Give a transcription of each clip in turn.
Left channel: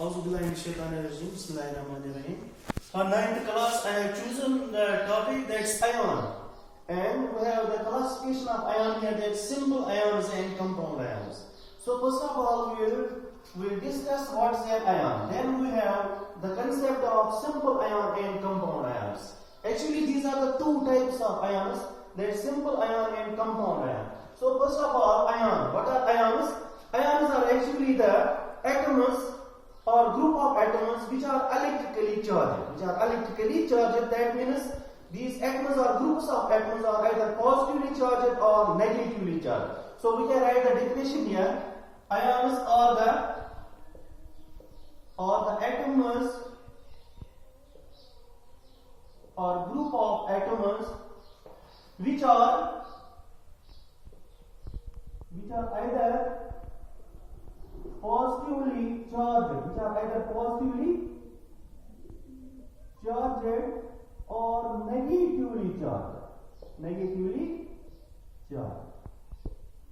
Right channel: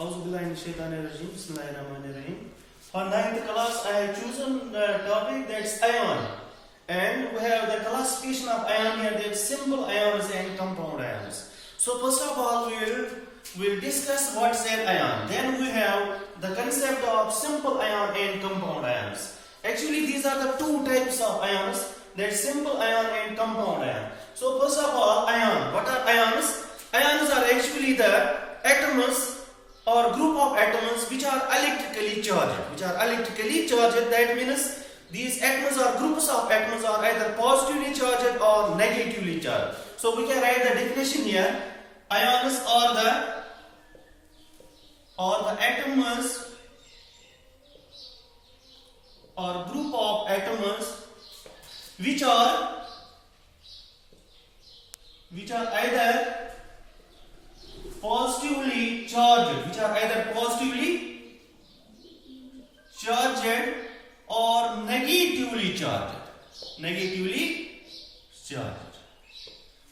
Auzubillahiminash-shaytanir-rajim. Bismillahir-rahmanir-rahim. For 9th class, I have chosen the topic that's ion. And we have the classification of ion here, that's simple ions and compound ions. So first of all, we'll discuss what's an ion. Then we have the concept of simple ion and compound ions. Actually, these are the two types of ions, that's simple ion and compound ion. So first of all, ion. What are ions? Ions are actually the atoms or group of atoms which are electrically charged. That means these atoms or groups of atoms are either positively charged or negatively charged. So we can write the definition here. Ions are the atoms or group of atoms which are either positively charged, or negatively charged.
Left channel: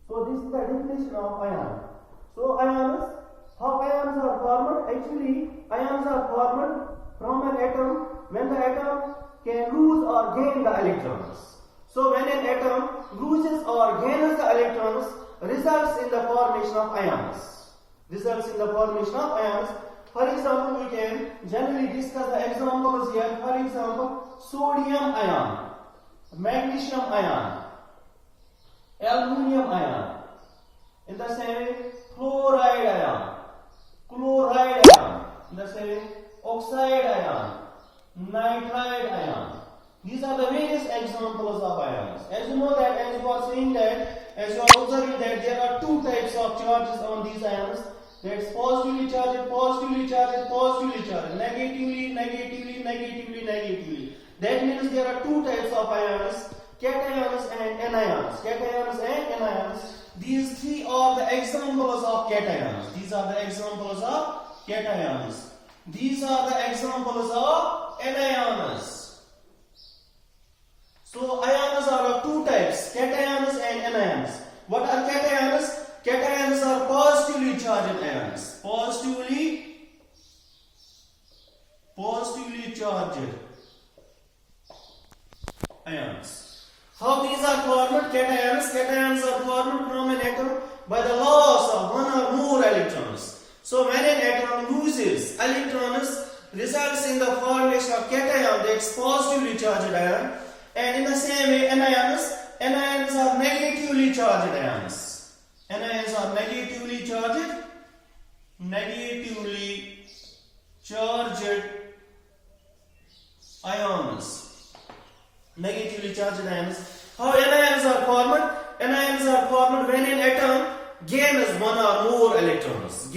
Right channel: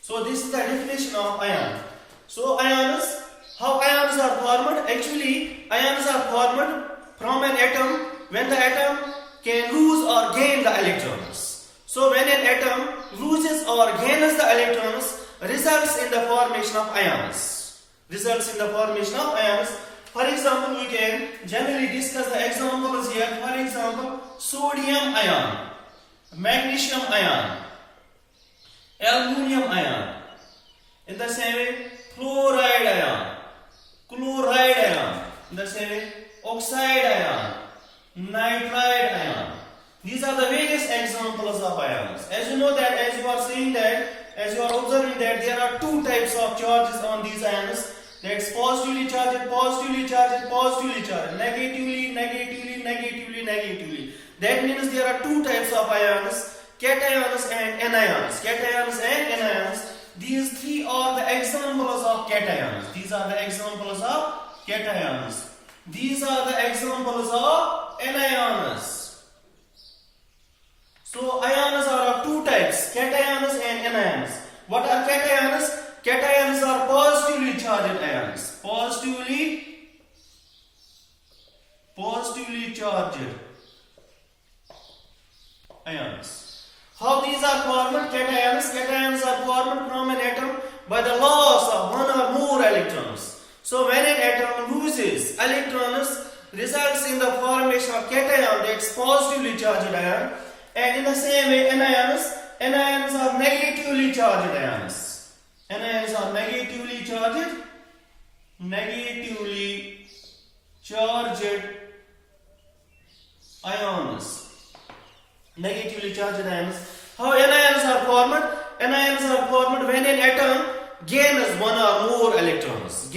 So this is the definition of ion. So ions, how ions are formed? Actually, ions are formed from an atom when the atom can lose or gain the electrons. So when an atom loses or gains the electrons, results in the formation of ions. For example, we can generally discuss the examples here. For example, sodium ion, magnesium ion, aluminum ion. In the same way, chloride ion. In the same way, oxide ion, nitride ion. These are the various examples of ions. As you know that, as you are observing that there are two types of charges on these ions. That's positively charged, negatively. That means there are two types of ions, cations and anions. These three are the examples of cations. These are the examples of anions. So ions are of two types, cations and anions. What are cations? Cations are positively charged ions. Positively charged ions. How these are formed? Cations are formed from an atom by the loss of one or more electrons. So when an atom loses electrons, results in the formation of cation, that's positively charged ion. And in the same way, anions are negatively charged ions. Anions are negatively charged ions. How anions are formed? Anions are formed when an atom gains one or more electrons.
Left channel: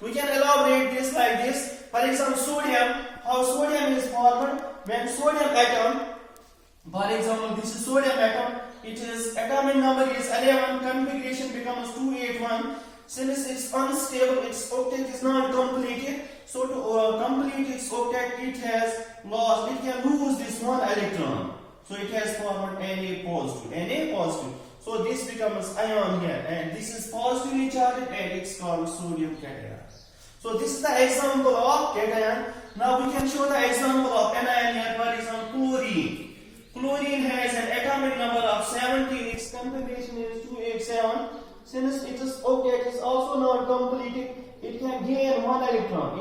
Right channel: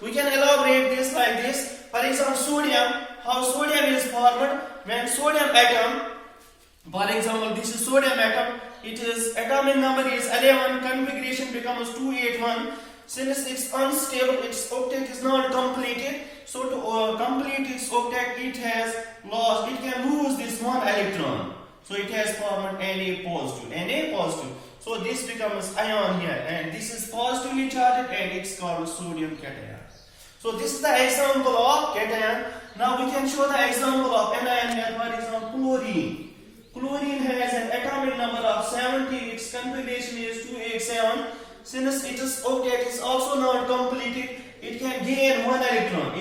We can elaborate this like this. For example, sodium. How sodium is formed? When sodium atom, for example, this is sodium atom. Its atomic number is 11. Configuration becomes 281. Since it's unstable, its octet is not completed. So to complete its octet, it can lose this one electron. So it has formed Na positive. So this becomes ion here, and this is positively charged, and it's called sodium cation. So this is the example of cation. Now we can show the example of anion here. For example, chlorine. Chlorine has an atomic number of 17. Its configuration is 287. Since its octet is also not completed, it can gain one electron.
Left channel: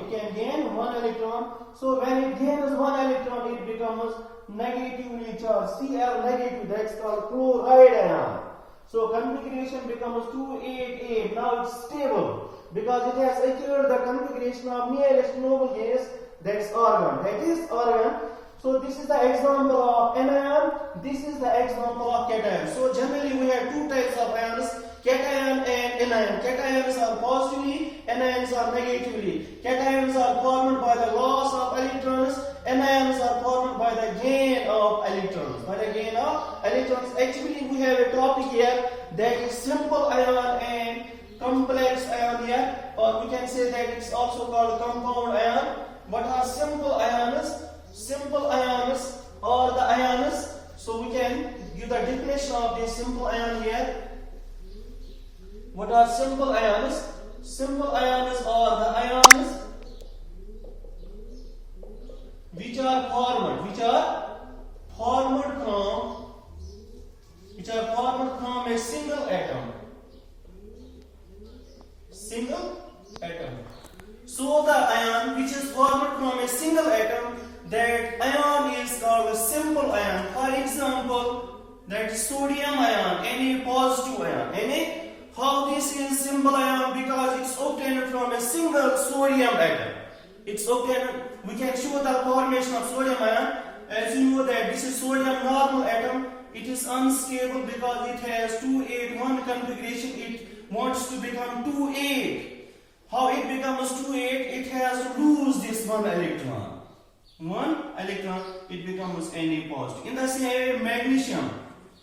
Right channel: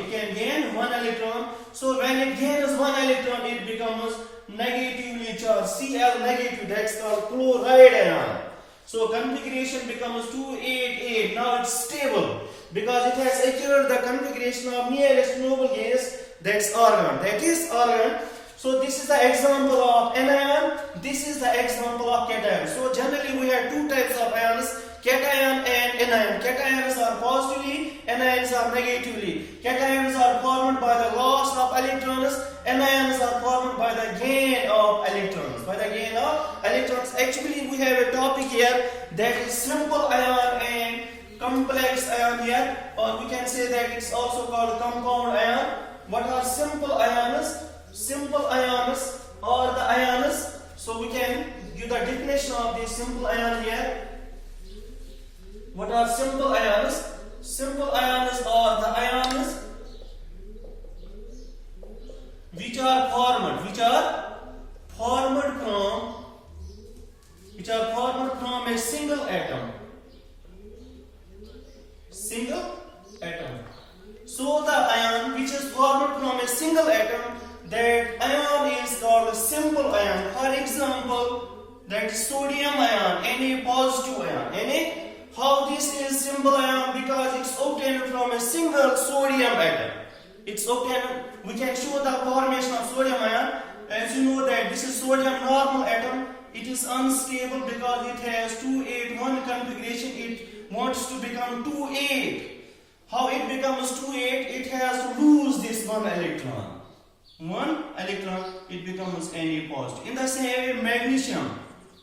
So when it gains one electron, it becomes negatively charged. Cl negative. That's called chloride ion. So configuration becomes 288. Now it's stable because it has achieved the configuration of nearest noble gas. That's argon. So this is the example of anion. This is the example of cation. So generally we have two types of ions, cation and anion. Cations are positively, anions are negatively. Cations are formed by the loss of electrons. Anions are formed by the gain of electrons. Actually we have a topic here that is simple ion and complex ion here, or we can say that it's also called compound ion. What are simple ions? Simple ions are the ions. So we can give the definition of this simple ion here. What are simple ions? Simple ions are the are formed from a single atom. So the ion which is formed from a single atom, that ion is called a simple ion. For example, that is sodium ion, Na positive ion. Na, how this is simple ion? Because it's obtained from a single sodium atom. It's obtained. We can show the formation of sodium ion. As you know that this is sodium normal atom. It is unstable because it has 281 configuration. It wants to become 2,8. How it becomes 2,8? It has to lose this one electron. It becomes Na positive. In the same way,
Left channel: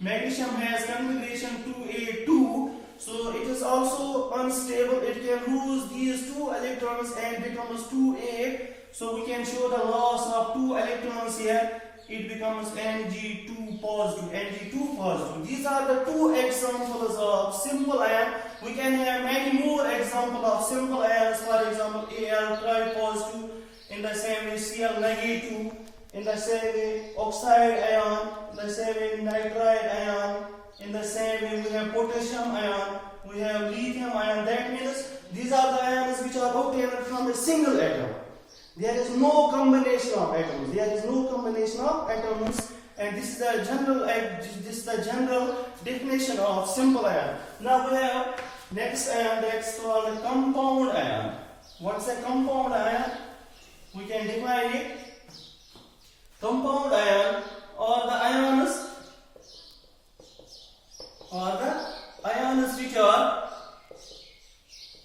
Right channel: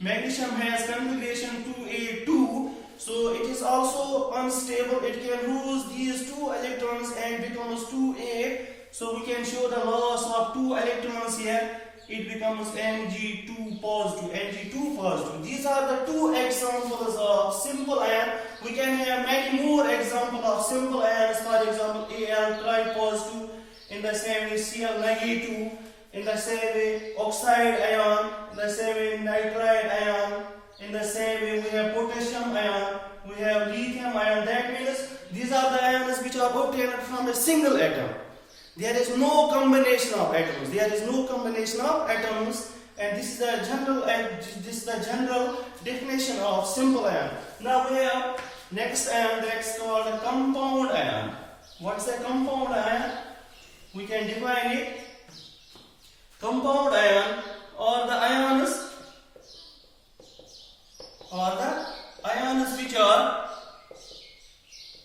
magnesium has configuration 2,8,2. So it is also unstable. It can lose these 2 electrons and becomes 2,8. So we can show the loss of 2 electrons here. It becomes Mg2 positive. These are the 2 examples of simple ion. We can have many more examples of simple ions. For example, Al tripositive. In the same way, Cl negative. In the same way, oxide ion. In the same way, nitride ion. In the same way, we have potassium ion. We have lithium ion. That means these are the ions which are obtained from a single atom. There is no combination of atoms. And this is the general definition of simple ion. Now we have next ion, that's called a compound ion. What's a compound ion? We can define it. Compound ion or the ions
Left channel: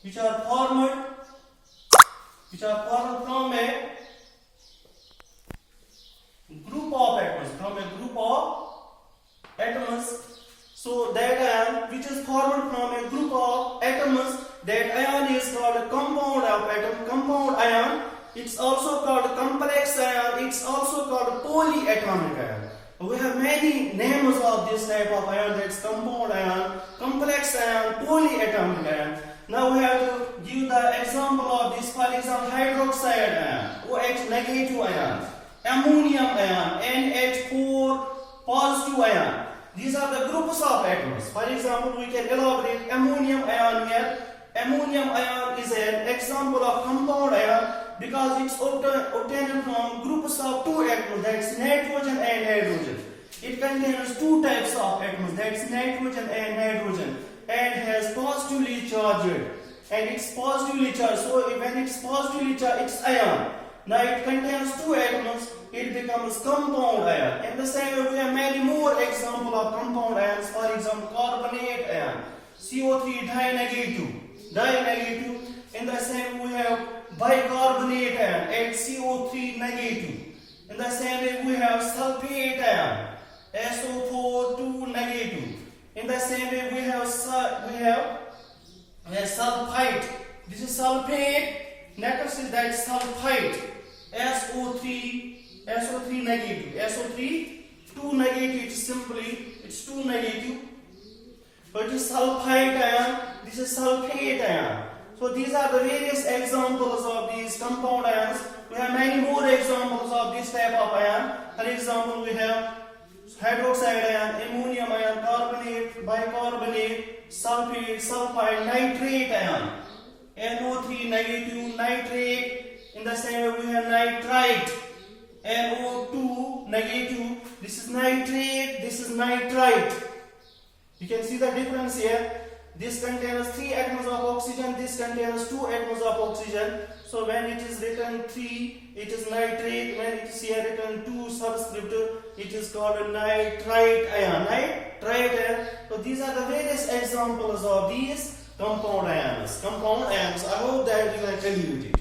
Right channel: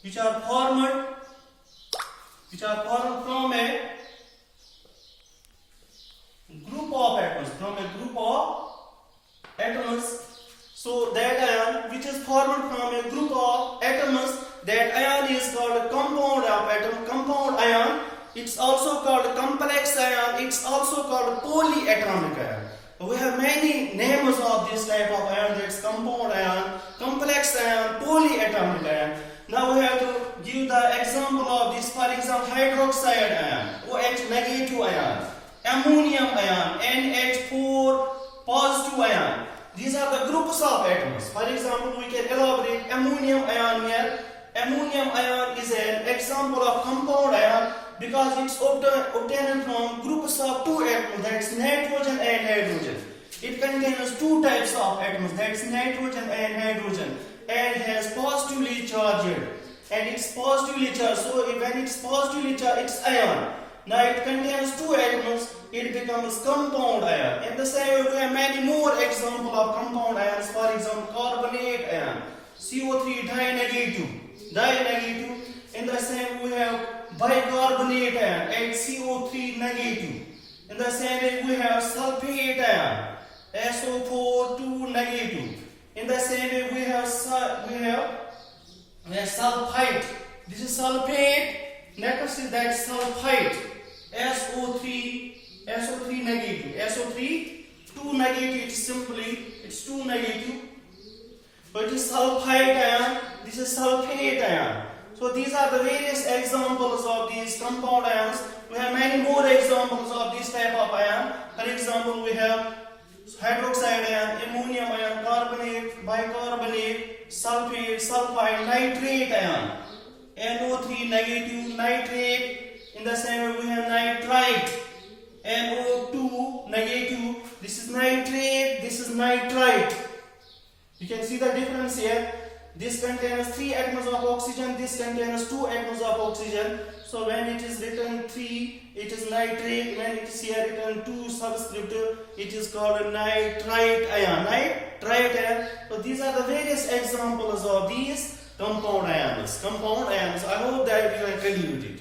which are formed from a group of atoms. So that ion which is formed from a group of atoms, that ion is called a compound of atom. Compound ion, it's also called a complex ion. It's also called a polyatomic ion. We have many names of this type of ion. That's compound ion, complex ion, polyatomic ion. Now we have to give the example of this. For example, hydroxide ion, OH negative ion, ammonium ion, NH4 positive ion. These are the groups of atoms. For example, we can elaborate ammonium ion here. Ammonium ion is an example of compound ion because it's obtained from groups of 2 atoms, that's nitrogen and hydrogen. It contains 2 types of atoms, that's nitrogen and hydrogen, and has positively charged. And it's positively charged, so when it's positively charged, it's ion. Now it contains 2 atoms, it becomes compound ion. In the same way, we have many more examples of compound ions. For example, carbonate ion, CO3 di-negative. In the same way, we have bicarbonate ion, HCO3 negative. In the same way, we have sulfate ion, SO4 2 negative. In the same way, we have sulfite. This is sulfate. Next is that sulfite, SO3 negative. SO3 2 negative. It's 2 negative. So it is sulfite ion. This is sulfate ion. So these are the various examples of these compound ions. We have many more examples of this type of ion. For example, we have hydroxide ion, ammonium ion, carbonate, bicarbonate, sulfate, sulfide, nitrate ion, NO3 negative, nitrate. In the same way, we have nitrite, NO2 negative. This is nitrate, this is nitrite. You can see the difference here. This contains 3 atoms of oxygen, this contains 2 atoms of oxygen. So when it is written 3, it is nitrate. When it is here written 2 subscript, it is called a nitrite ion. So these are the various examples of these compound ions. I hope that you are clear with it.